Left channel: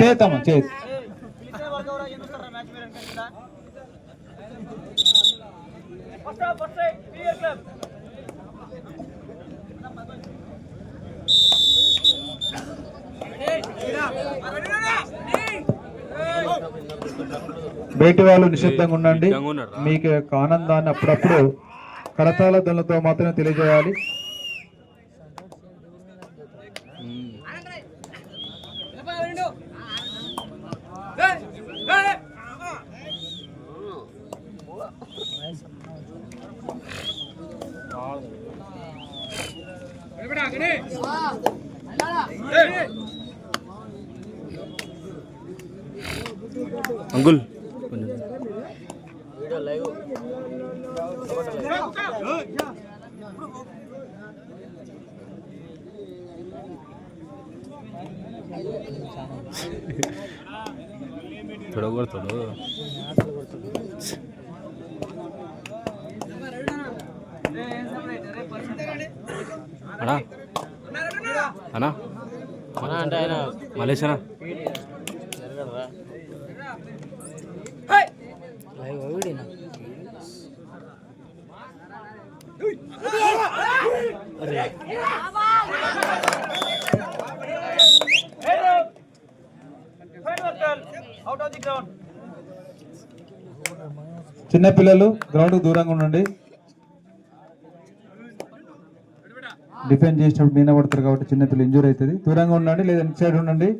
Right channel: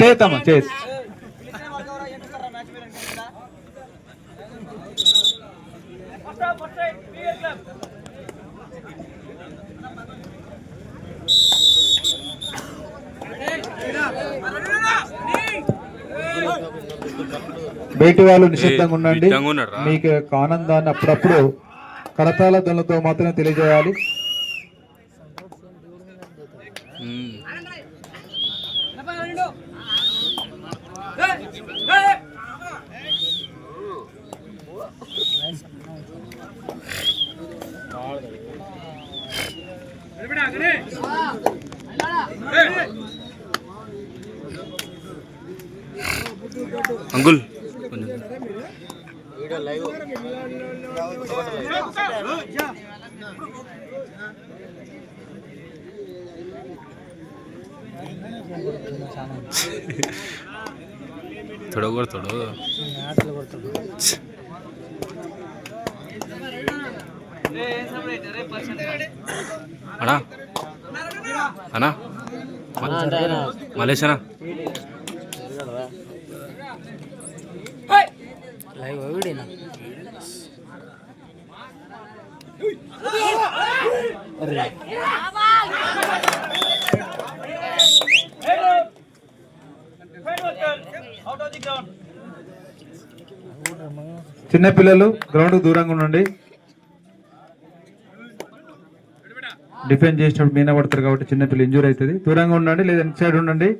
చేద్దామా చేద్దాం. బయటి వాళ్ళు నిశ్శబ్దంగా ఉండండి. మీకు ఆనందాన్ని అప్పుడప్పుడు కరతాళ ధ్వనులతో మాత్రమే తెలియజేయాలి. అంకుల్ थोड़ा అన్నా అన్నా మలేషనా లైవ్ వీడినా చిన్నపిల్లలు గ్రౌండ్ దూరంగా ఉండండి. డిఫెండ్ చేసినప్పుడు మీన పడతారు కాబట్టి చిన్నపిల్లలు ఇంజూర్ అవుతుంది. దూరంగా ఉండండి లేదా ఇన్ సైడ్ ఉండండి.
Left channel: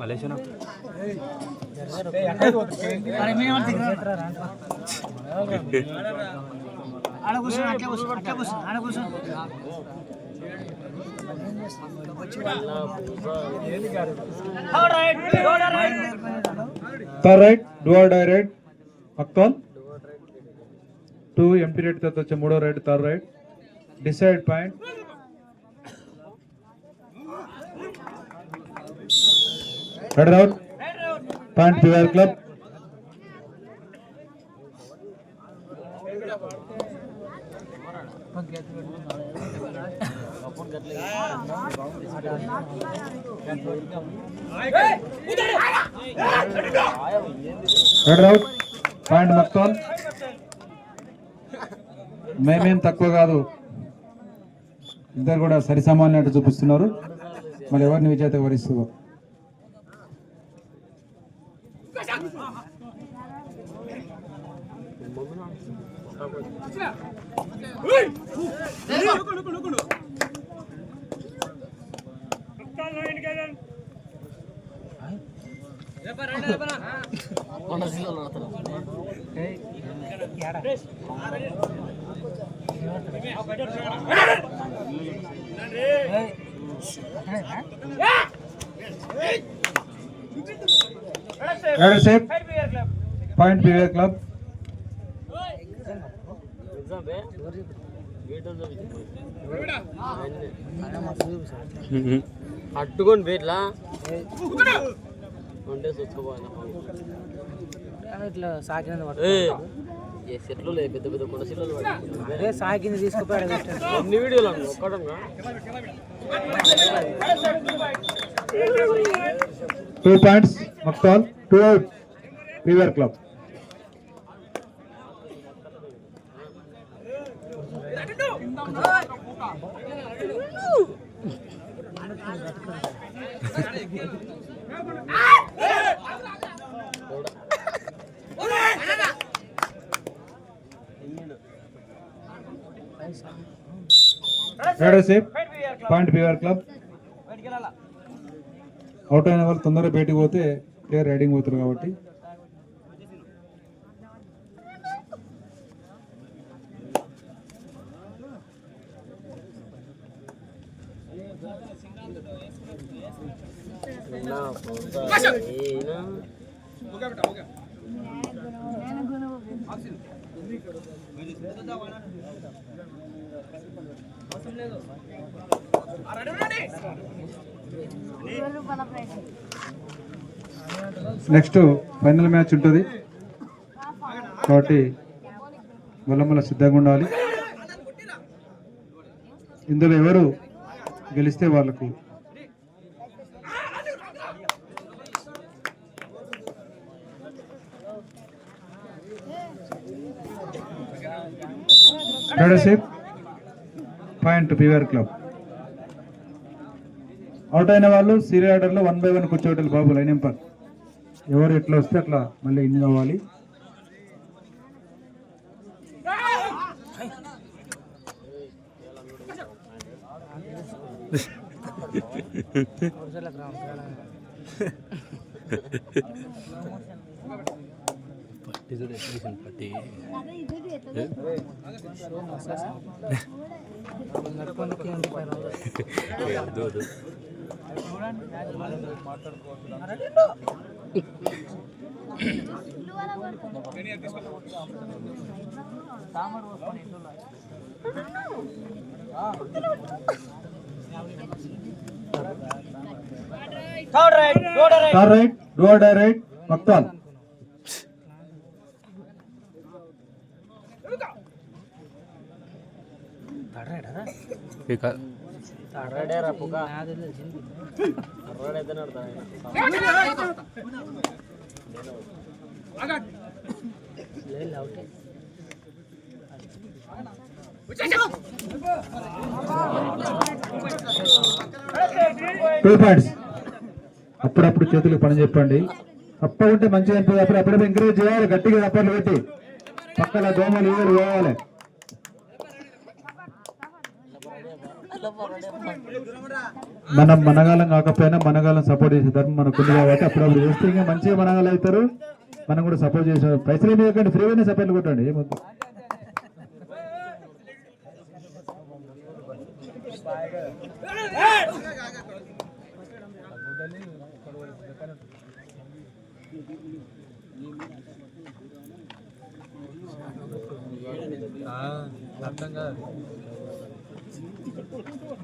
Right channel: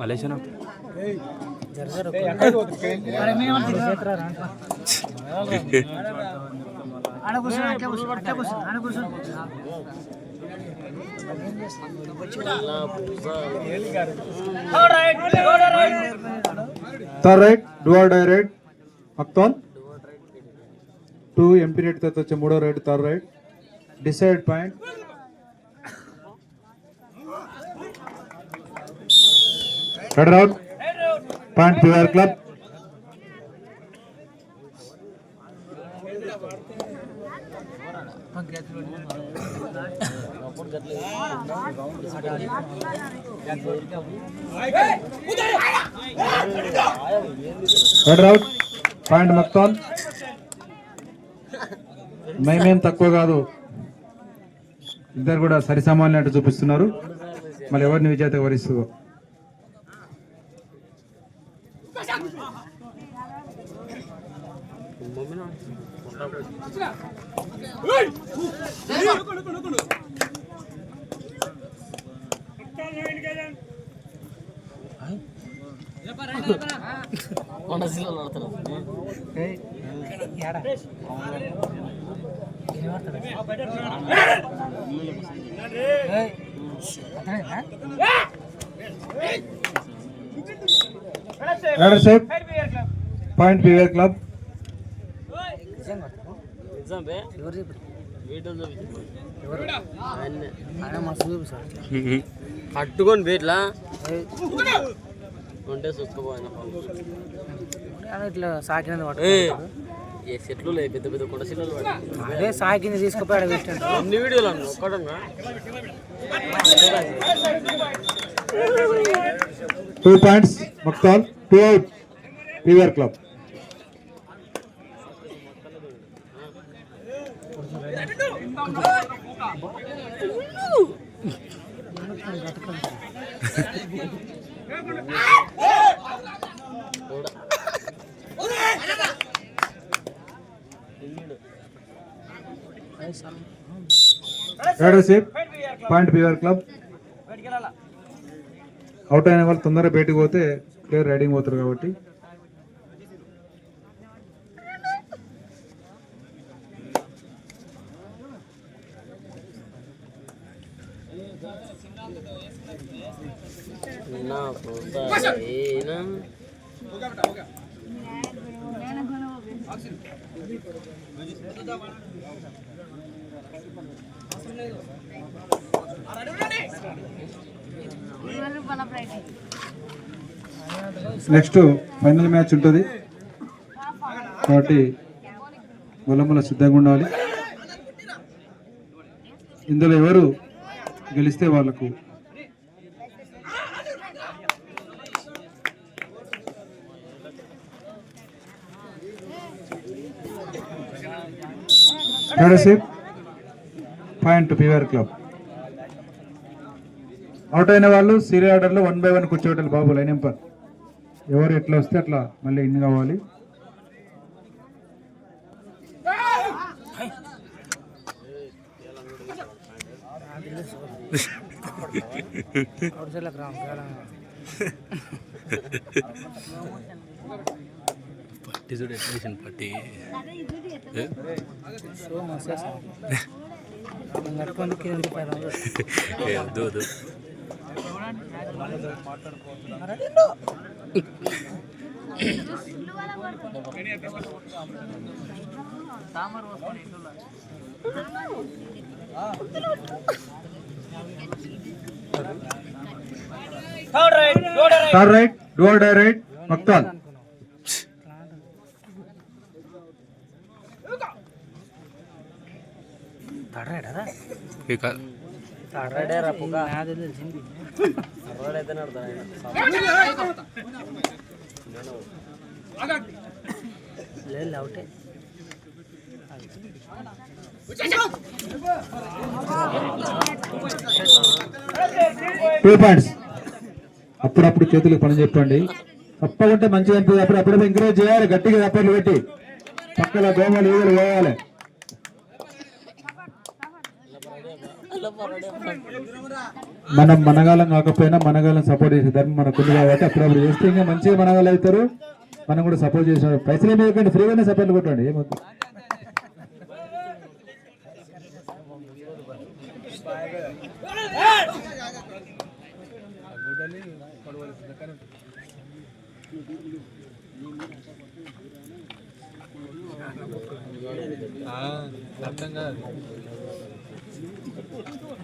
మలేషనా third raid do or die raid Makthal 2 empty raid తర్వాత వచ్చే మూడో raid third raid decide point raid out point PR club. Raid out point Makthal. మేమేం తక్కువ కాదు, ఇద్దరు కూడా సరిసమానట్టు చూపిస్తున్నారు. మళ్ళీ ఎవరిని విజేత వరిస్తుందో పాయింట్ పిఆర్ క్లబ్. అట్టుకొని బేట్లా ఉంటే చూసుకోవాలి. ఇట్లా సాకిన చెట్లు లేదు, పెద్ద పెద్ద కొండ చెట్లు. అదే సాకిని తీసుకుపోయాడు ఎన్ని వీడియోలు అన్నా 2 points Makthal 2 out PR club. Point PR club. Out అయిన వాళ్ళు తొందరగా బయటకు పోతే ప్లేయర్ రైడింగ్ పోతారు కాబట్టి నెక్స్ట్ ఫైనల్ మ్యాచ్ ఉంటుంది కాబట్టి గొల్లముల సిద్ధంగా ఉండాలి. ఇందులో ఎవరు గెలిస్తే వాళ్ళకు leadership point PVR club. Out అయిన వాళ్ళు సీరియల్ ఆర్డర్లో 1 by 1 కూర్చోబెట్టాలి బాబు. లైన్ నెంబర్ ఎవరు ఎట్లా వస్తే అట్లా మళ్ళీ ఇన్ని కావాలి. పట్టి చూడు ఎట్లేషన్ పట్టి third raid do or die raid Makthal. Two points. అప్పుడప్పుడు చేతులకు పని చెప్పండి. తప్పకుంటే మంచిగా అనిపిస్తుంది. అప్పుడప్పుడు ఎంకరేజ్ చేయాలి. గట్టిగా తప్పలు పెట్టి పక్కన దోమలు ఈగలు పోవాలి. మనం మనగాలం కాకపోయినా మనగాలం సపోర్ట్ చేసే ధర్మం మనకు ఉంది కాబట్టి అప్పుడప్పుడు చేస్తే ఇంకా మంచిగా మనగాలు అవుతారు. మనం కూడా సపోర్ట్ చేసే పైసలు ఏమి ఇవ్వకండి, ఫ్రీగానే సపోర్ట్లు కొట్టండి. ఏమవుతుంది?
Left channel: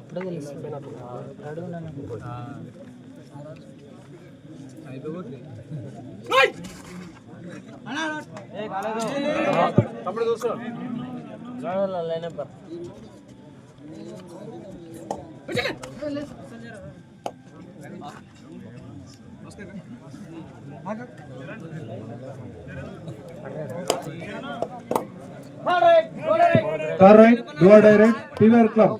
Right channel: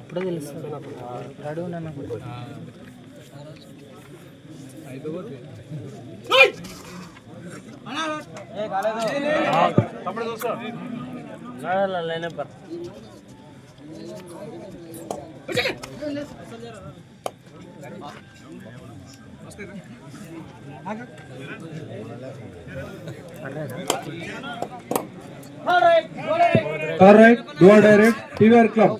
ఇప్పుడు తెలుస్తుంది రెడీ ఉన్నాను. All right, do or direct, PVR Club.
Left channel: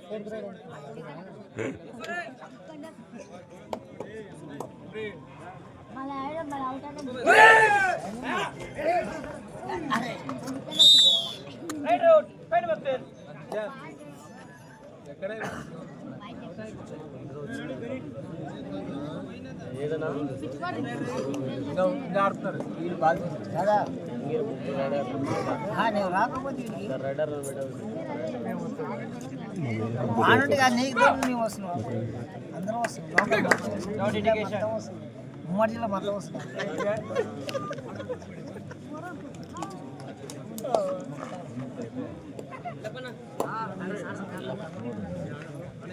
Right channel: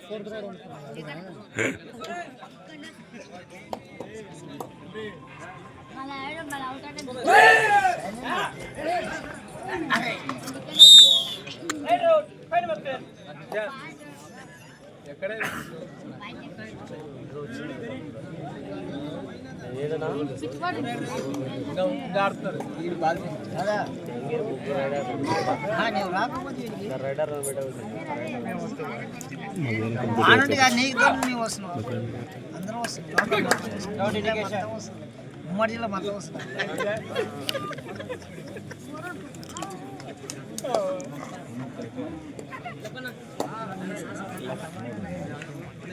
ఉమ్మడి జిల్లా మొత్తం వస్తుంది.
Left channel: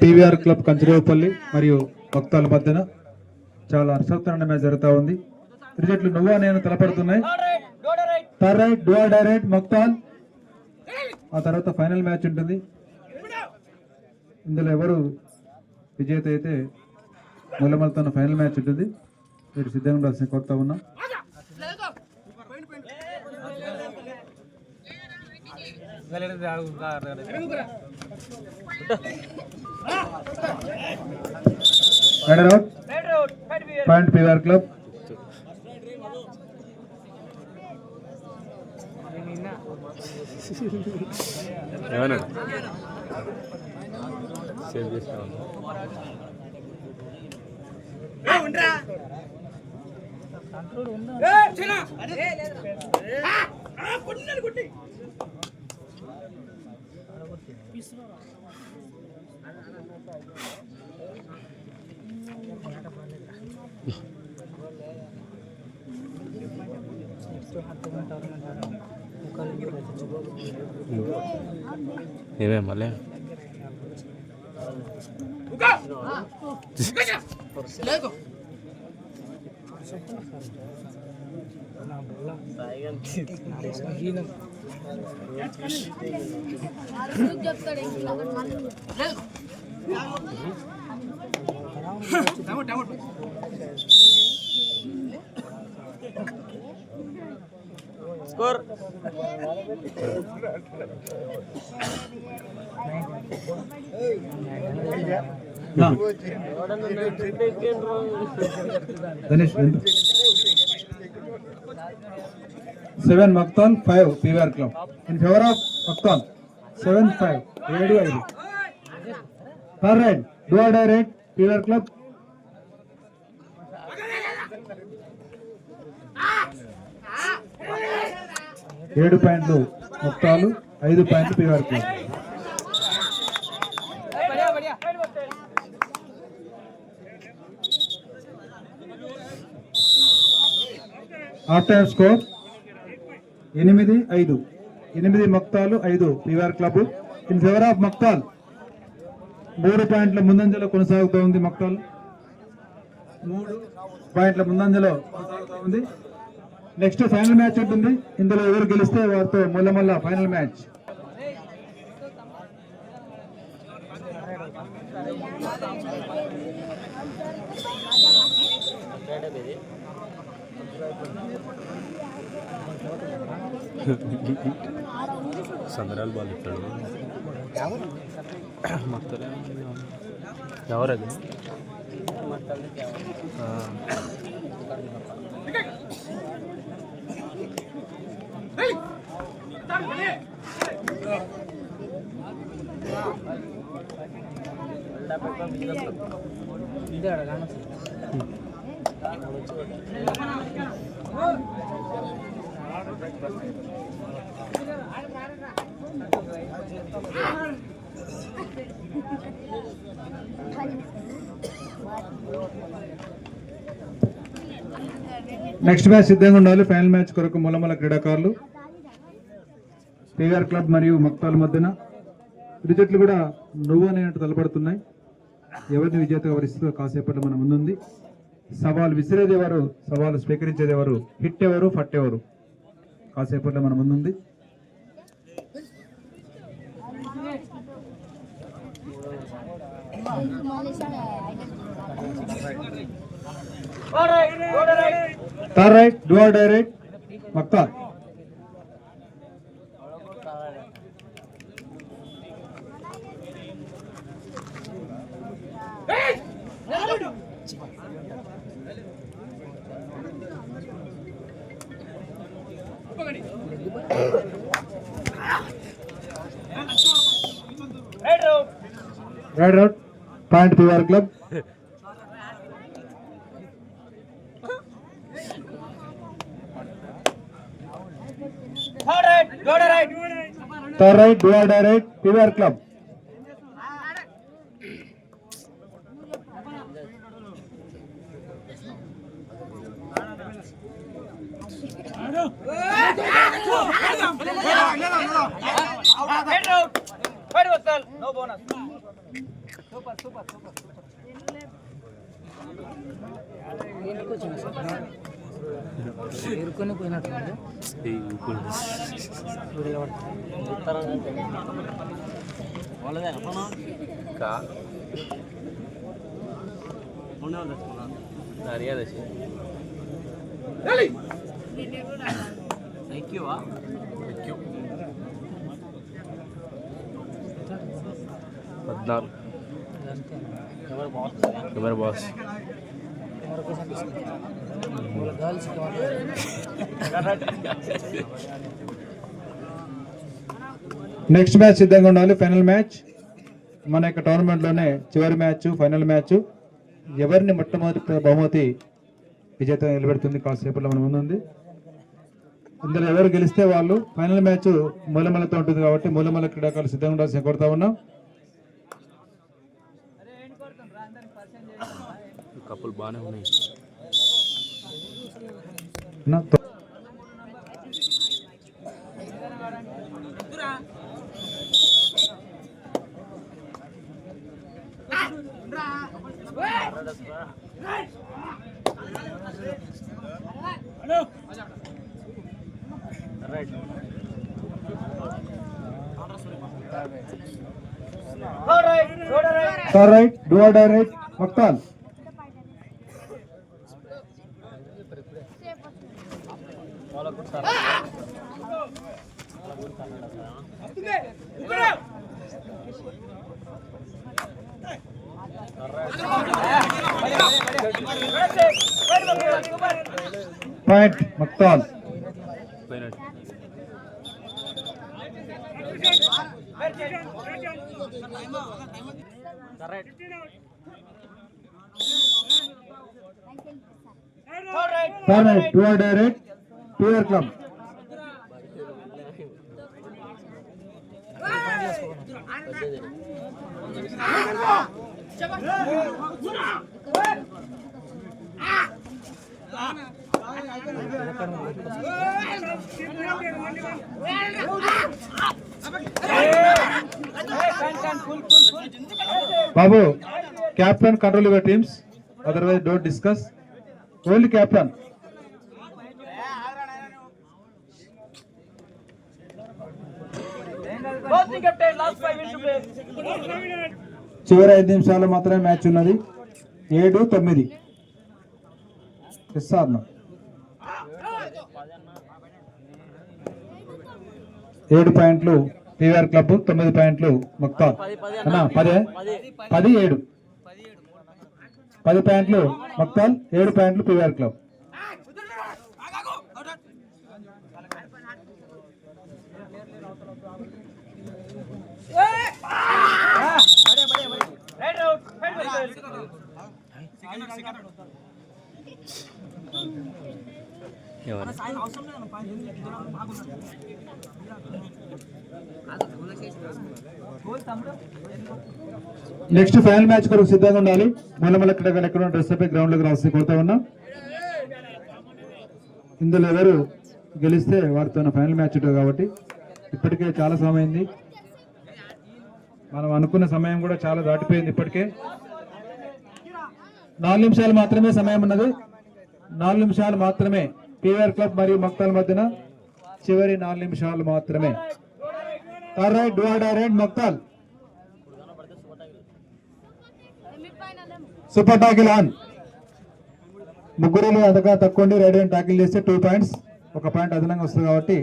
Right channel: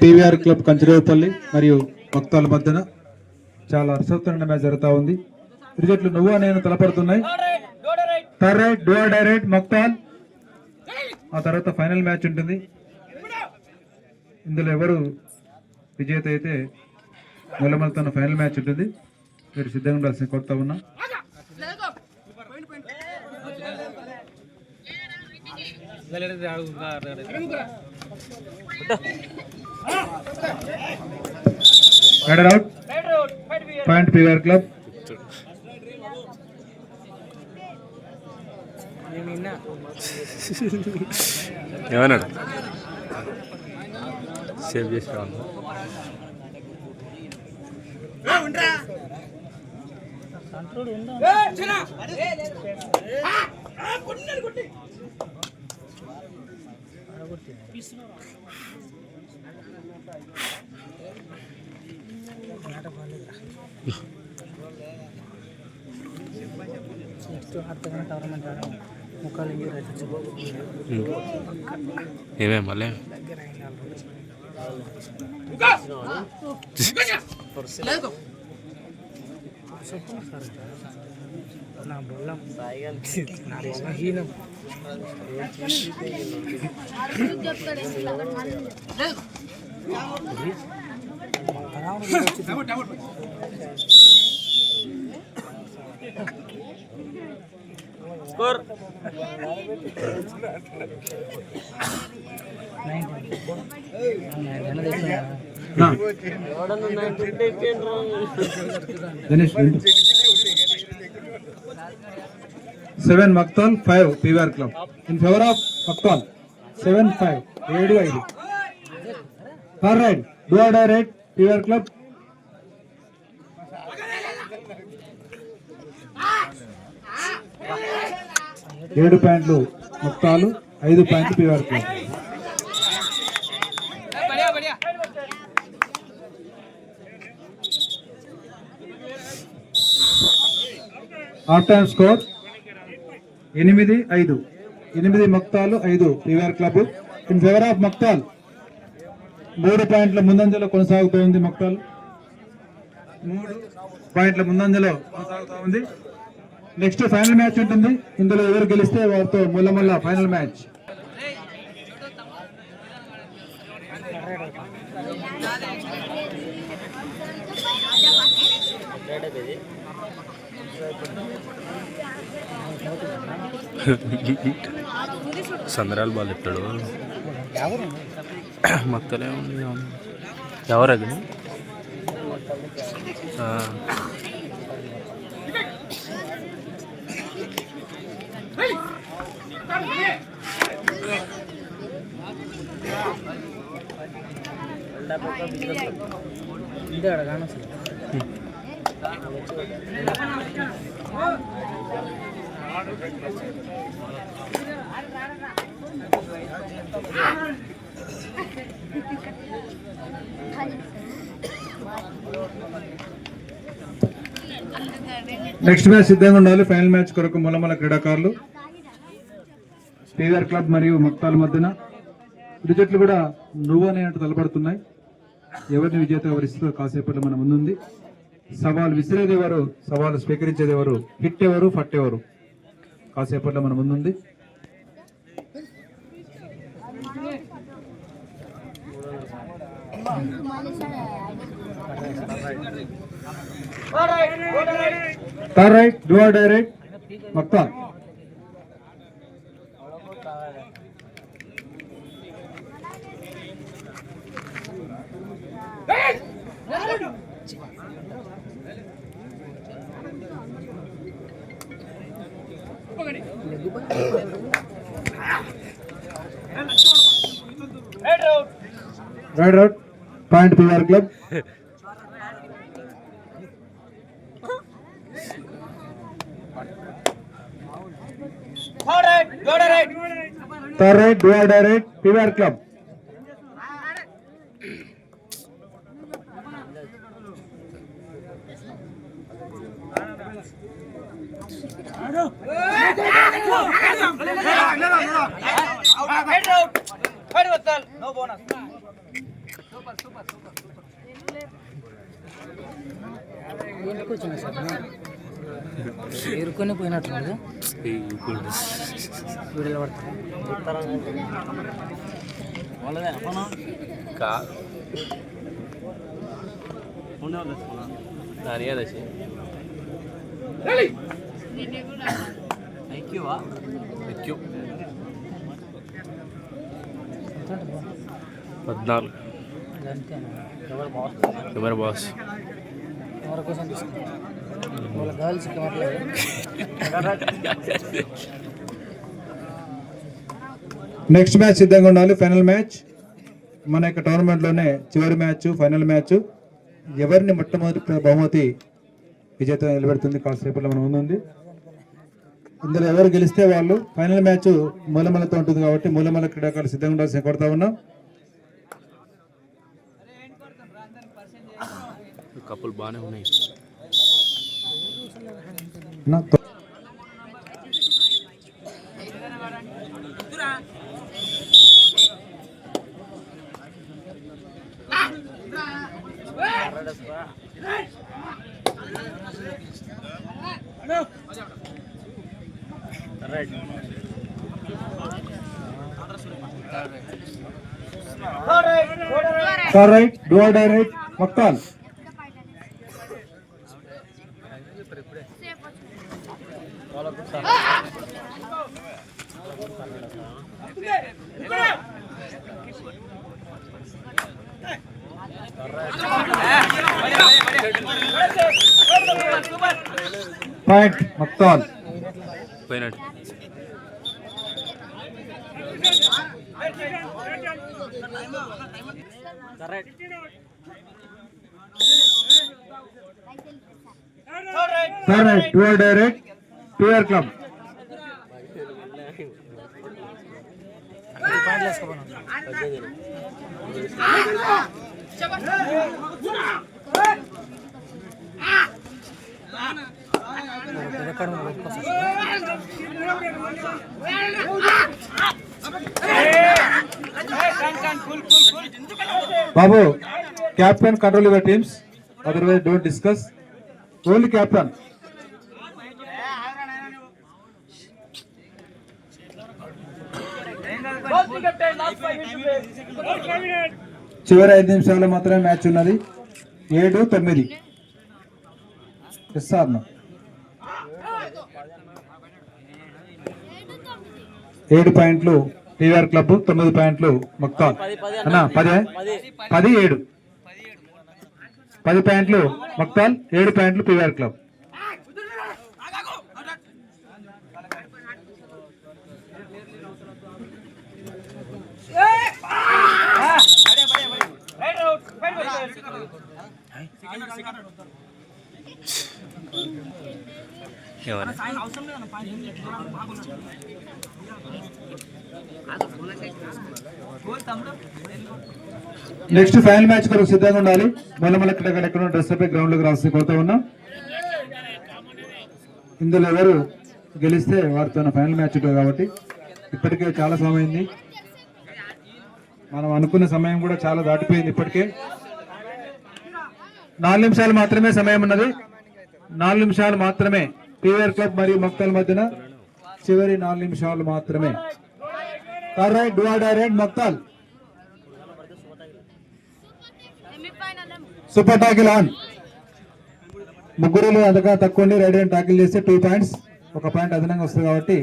PVR క్లబ్ కంచరేపల్లి మరియు భక్తాల మధ్యన చాలా అసక్తమైన మ్యాచ్ జరుగుతూ ఉంది. క్రికెట్లు నువ్వా నేను తలపడుతున్నాయి. Third raid do or die raid Makthal. ఆ తర్వాత ఫైనల్ మ్యాచ్ ఉంటుంది. ఇందులో ఎవరు విజేత అయితే గొల్లమలతో ఫైనల్ మ్యాచ్ ఉంటుంది. మీరు సిద్ధంగా ఉండాల్సిన కొత్త ఉన్నా. Point PVR club. ఏమన్నాడు సేవ్ చేసాను. ఏమే మళ్ళీ నా బొల్లం నా బలహీనం score Ganesh 7 Makthal 5 PVR club in favour of Makthal 7-5 7-5 third raid do or die raid PVR club 7 పాయింట్లు మక్తాలు 5 పాయింట్లు PVR club. Half time score 8-5 8 Makthal 5 PVR club in favour of Makthal 3 పాయింట్ల ముందంజలో కొనసాగుతూ ఉంది. మక్తాల్ 3 పాయింట్ల ముందంజలో కొనసాగుతూ ఉంది. నెక్స్ట్ ఫైనల్ మ్యాచ్ ఉంటుంది. ఇందులో ఎవరు గెలిస్తే వారితో మళ్ళా ఫైనల్ మ్యాచ్. సందరాలు బాల్ ఇస్తాడు మొత్తలే ఎవరు అది నెక్స్ట్ మ్యాచ్ సిద్ధంగా ఉండాలి. ఫైనల్ మ్యాచ్ కొరకు మొలమల క్రీడాకారులు పీవీఆర్ క్లబ్ మరియు మక్తాల మధ్యన ఇరు జట్లు కూడా నువ్వు అనేట్టు తలపడుతున్నాయి. ఎవరిని విజేత ఎవరిస్తుందో కాసేపట్లో మన ముందుంది. సవాల్ విసిరేది ఎవరు, సవాల్ స్వీకరించేది ఎవరు, హిట్ ఎవరు, ఫట్ ఎవరు కాసేపట్లో మన ముందుంది. Third raid do or die raid Makthal raid out point PVR club. Third raid do or die raid PVR club. No bonus. ఎరుకొని పోయినట్టుంది వీడియో పద్నాలుగు ఎవరు బాస్ ఎవరి కోసం గర్ల్స్ నెక్స్ట్ మ్యాచ్ సిద్ధంగా ఉండాలి. ఫైనల్ మ్యాచ్ మన యొక్క టోర్నమెంట్లోనే చివరి మ్యాచ్, ఫైనల్ మ్యాచ్. ఎవరిని మొట్టమొదటి బహుమతి విజేత నిలబెడుతుంది కాసేపట్లో మన ముందుంది. ఇందులో ఎవరు గెలిస్తే వాళ్ళు ఫైనల్ మ్యాచ్ మూలమలతో ఉంటుంది కాబట్టి మూలమల క్రీడాకారులు సిద్ధంగా ఉండాల్సి కోరుతా ఉన్నాం. కప్పులు బాగానే ఉన్నాయి. Third raid do or die raid Makthal. Point Makthal. పోయినట్టు. Third raid do or die raid PVR club. బాబు captain control your teams, otherwise don't discuss. Only captain. చివరి 5 నిమిషాలు మాత్రమే మ్యాచ్ ఉన్నది. 7-9 ఇస్తాను. 7 పాయింట్లు పివిఆర్ క్లబ్, 9 పాయింట్లు మక్తాల్. అన్నా 10-7 10 పాయింట్లు మక్తాల్, 7 పాయింట్లు పివిఆర్ క్లబ్. ఎవరు నెక్స్ట్ ఫైనల్ మ్యాచ్ కొరకు సిద్ధంగా ఉండాలి. మళ్ళీ ఎక్కడ డ్రెస్ పై గ్రౌండ్ లోకి రాసి కోరుతా ఉన్నాం. ఇందులో ఎవరు గెలిస్తే వారితో ఫైనల్ మ్యాచ్ ఉంటుంది కాబట్టి ఇప్పటికే చాలా సమయం అయింది. మనం అనుకున్న సమయం కూడా చాలా దాటిపోయింది. ఇప్పటికే 4 నిమిషాలు మాత్రమే సమయం ఉన్నది. 4 నిమిషాలు మాత్రమే పివిఆర్ క్లబ్ మరియు మక్తాల్ మధ్యన. చివరి 4 నిమిషాలు మాత్రమే. Raid do or die raid Makthal. Super tackle on. ముగ్గురు అంతగా తక్కువ రైట్ హ్యాండ్ టాకిల్ చేస్తే 2 పాయింట్స్, 1 పాయింట్ అదనంగా వస్తుంది కాబట్టి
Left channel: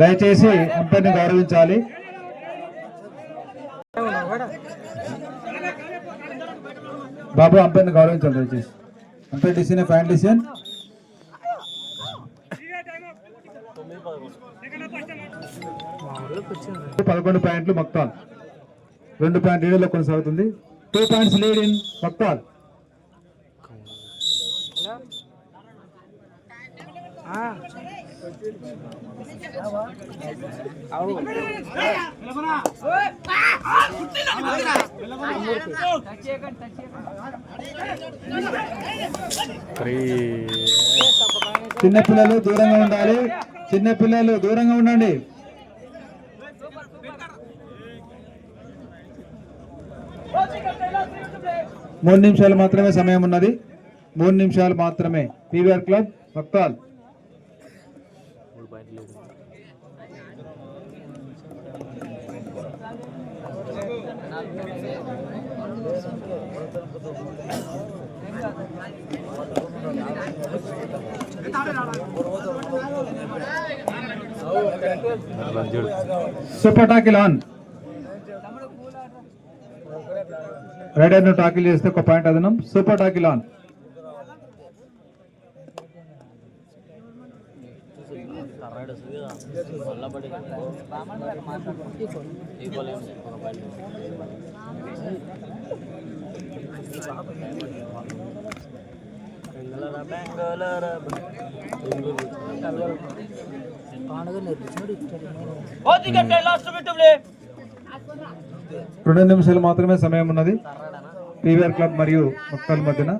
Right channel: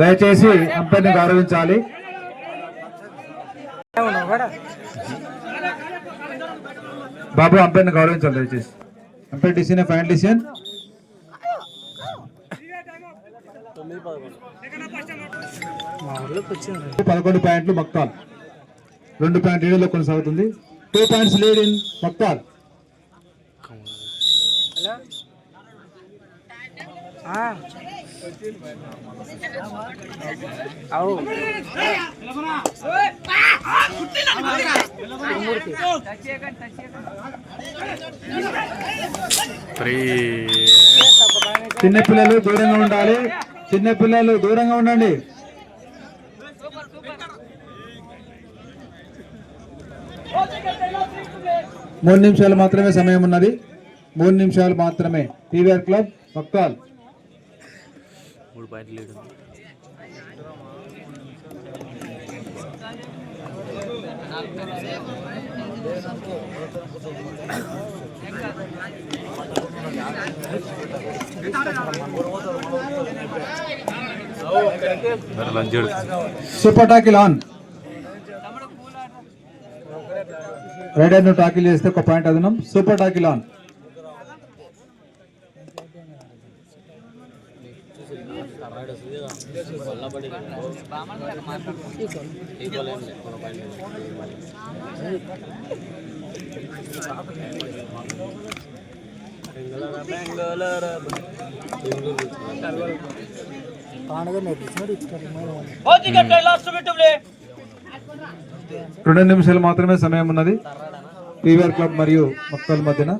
దయచేసి అంపైర్ని గౌరవించాలి. బాబు అంపైర్ని గౌరవించాలి దయచేసి. Umpire decision final decision. 11 పాయింట్లు మక్తాల్, 2 పాయింట్ లీడ్లో కొనసాగుతుంది. 2 పాయింట్స్ లీడ్ ఇన్ మక్తాల్. చిన్నపిల్లలు దూరంగా ఉండాలి. చిన్నపిల్లలు దూరంగా ఉండండి. మూడు నిమిషాలు మాత్రమే సమయం ఉన్నది. 3 నిమిషాలు మాత్రమే. PVR club Makthal. 3 పాయింట్లు lead. Super tackle on. Raider ను టాకిల్ చేస్తే 1 పాయింట్ అదనం. Super tackle on. రెండు నిమిషాలు మాత్రమే సమయం ఉన్నది పివిఆర్ క్లబ్ మరియు మక్తాల్ మధ్యన.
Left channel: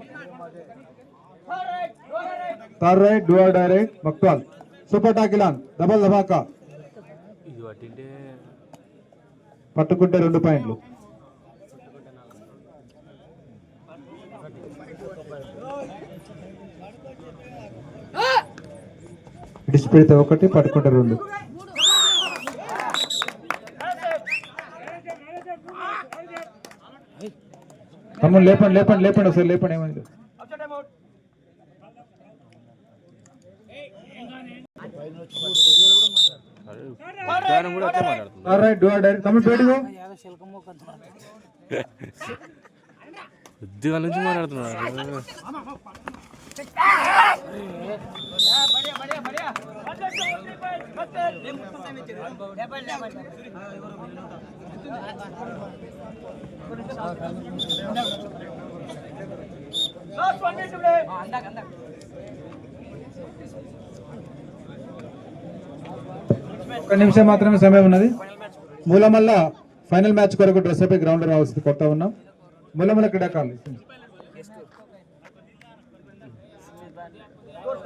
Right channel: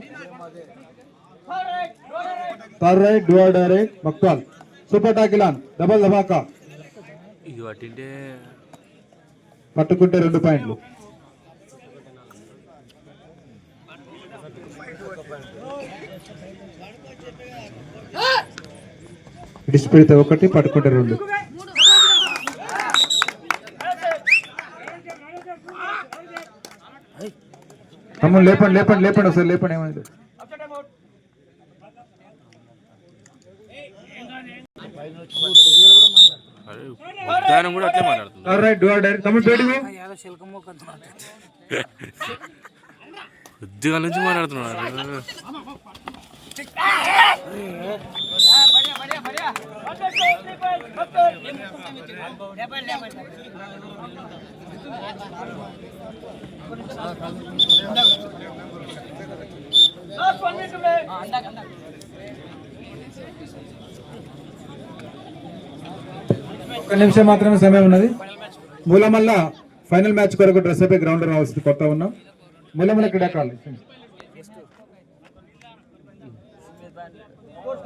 Third raid do or die raid Makthal. Super tackle on double ధమాకా ఇది పట్టింటే పట్టుకుంటే 2 పాయింట్లు. డిస్పెడితే 1 పట్టుకుంటే 2. తమ్ముడు లేపండి లేపండి లేపండి ఒకసారి లేపండి. ఏమైంది అరే ఉద్యానం కూడా అట్లే మాట్లాడుతుంది. రైట్ డూ డైరెక్ట్ తమ్ముడు బయటకు యాదో శిల్కం మొక్క అంటున్నాడు. ఉద్యోగాల నుంచి మాట్లాడుతున్నాడు. ఒక నిమిషం మాత్రమే సమయం ఉన్నది. మూలమల్ల ఫైనల్ మ్యాచ్ కొరకు డ్రెస్ అయిపోయి గ్రౌండ్ రావాల్సింది కొత్త ఉన్నాం. మూలమల్ల క్రీడాకారులు score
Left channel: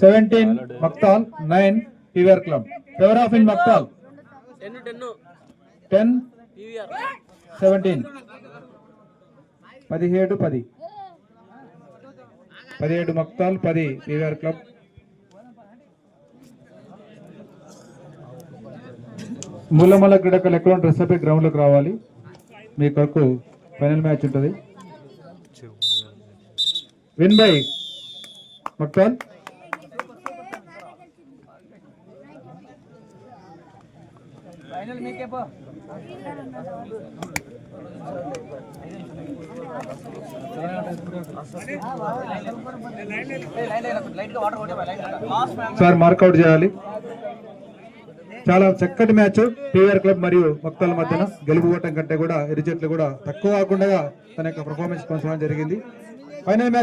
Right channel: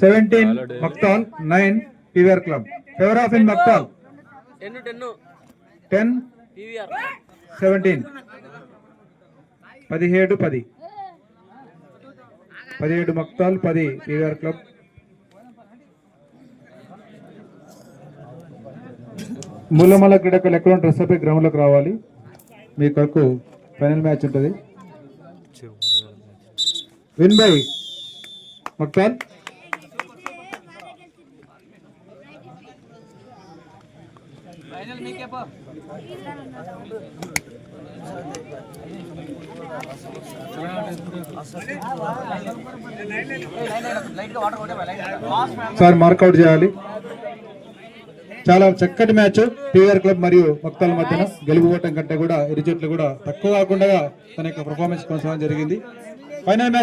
17 Makthal 9 PVR club. Favour of in Makthal 10 17 17 Makthal 10 PVR club. Moolamalla క్రీడాకారులు ఎక్కడ డ్రెస్ అయిపోయి గ్రౌండ్ లోకి రావాలి. మీ కొరకు ఫైనల్ మ్యాచ్ ఉంటుంది. Win by Makthal. Sir mark out చేయాలి. చాలా చక్కటి మ్యాచ్ పీవీఆర్ క్లబ్ మరియు మక్తాల మధ్యన. గెలుపుకోవటం కంటే కూడా ఇరు జట్లు కూడా తక్కువ కాకుండా తన యొక్క పర్ఫార్మెన్స్ కొనసాగడం జరిగింది. Final match